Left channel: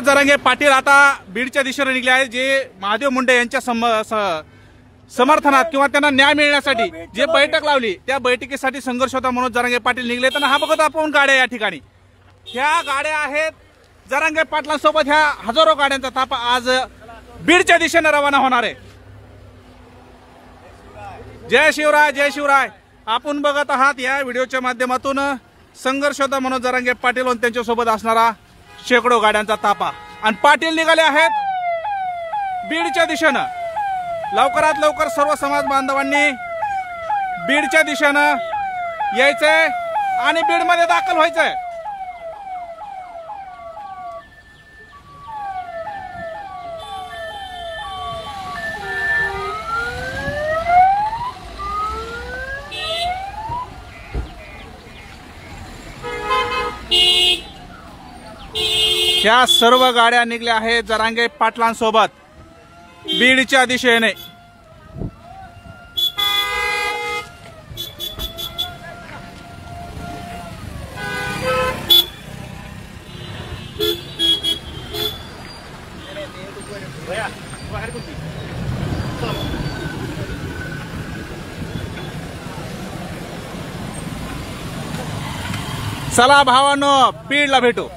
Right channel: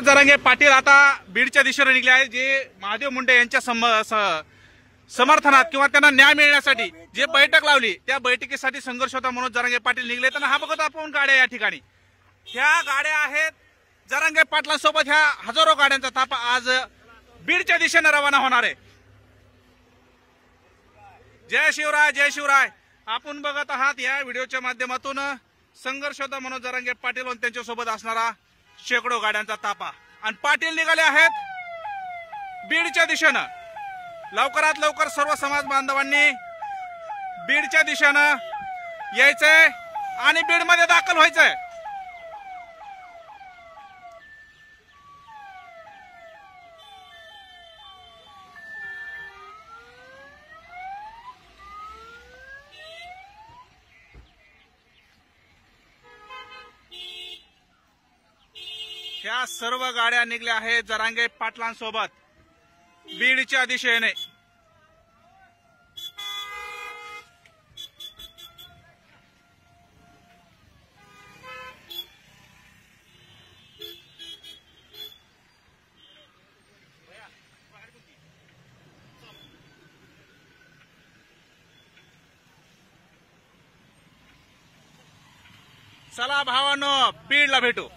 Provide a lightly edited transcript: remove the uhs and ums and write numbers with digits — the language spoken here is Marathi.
जरांगे पाटील आता बीडच्या दिशेने निघले आहेत, जे महादेव मुंडे यांच्या समर्थनात किंवा त्यांना न्याय मिळण्यासाठी जे बैठक लावली त्या बैठकीसाठी संघर्ष होता म्हणून जरांगे पाटील निघले. तर हा बघत आपण गाड्या या ठिकाणी, ह्या गाड्या आहेत जरांगे पाटलांसोबत. ह्या हजारो गाड्यांचा ताफा आज बीडच्या दिशेने रवाना होणार आहे. जय शिवराय, जय शिवराय. आपण बघत आहात या व्हिडिओच्या माध्यमातून संघर्ष होता म्हणून जरांगे पाटील आणि त्यांच्यासोबत असणारा शेकडो गाड्यांचा ताफा. आणि पाटील निघाले आहेत बीडच्या दिशेनं. लवकरात लवकर सर्व समाज बांधवांनी बीडच्या दिशेनं यायचंय आणि बीडमध्ये दाखल व्हायचंय. ह्या सर्व गाड्या निघल्या आहेत जरांगे पाटलांसोबत बीडच्या दिशेने. चला भावांनो, बीडला भेटू.